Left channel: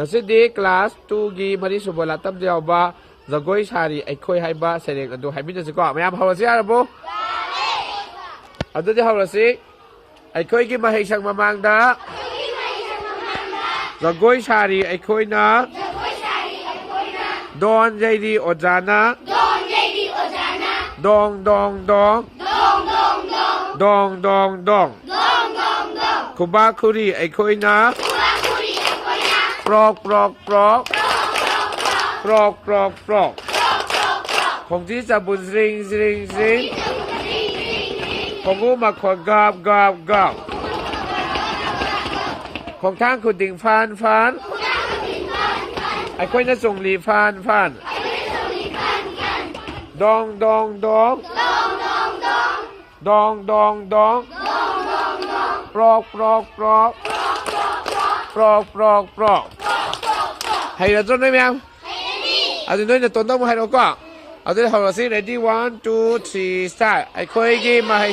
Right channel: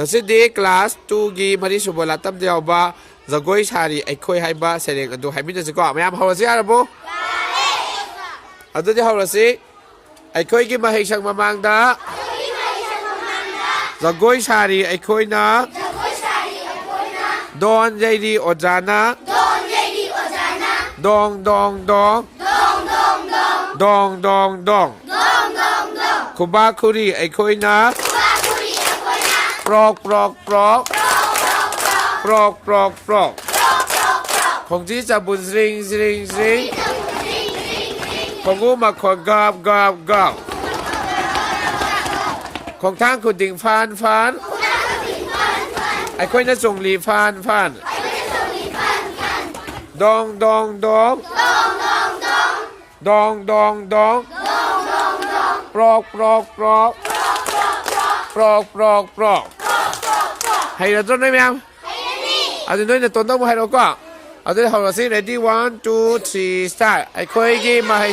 ngasi class 2 gi mari subala tam diaw ba zagoi sari aikhoi haiba sereng adu haimina siko mayam hawrasi arabo adu di hawrasi aikhoi gi mahai sang mamangda zagoi sari aikhoi na don jaidi ojana dong dong dong dong dong dong kuba kuri aikhoi naปลอกปลอกปลอกปลอกปลอกปลอกของที่จะบุญสิงสิงสิงของกูมาขอกาบกาบกาบของทางคุณดิ่งฟานฟานไอ้คนนั้นจงหลีฟานฟานดองดองดองดองดองดองปลอกปลอกปลอกปลอกปลอกปลอกให้เราต้นได้ไหมครับเอาต้นนี้ต้นต้องมาให้เราก็เอาต้นของเราสิ ready 1 2 3 start ไอ้คุยกี่มาให้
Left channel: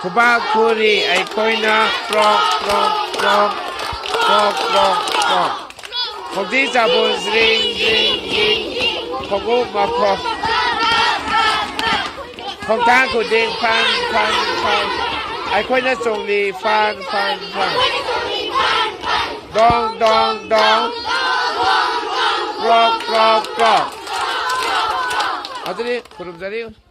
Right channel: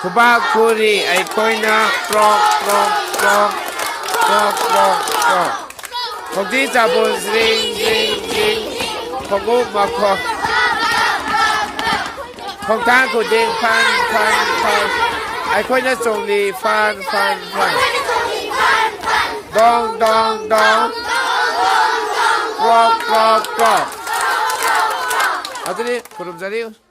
คุบ้าคุรีไอ้คุยนะปลอกปลอกปลอกปลอกปลอกปลอกของที่จะบนสิงสิงสิงของกูมาขอของทางคุณดิงฟันฟันฟันไอ้คนนั้นส่งดีฟันฟันฟันดองดองดองปลอกปลอกปลอกเอาตัวนี้คุณลุงจะเรียก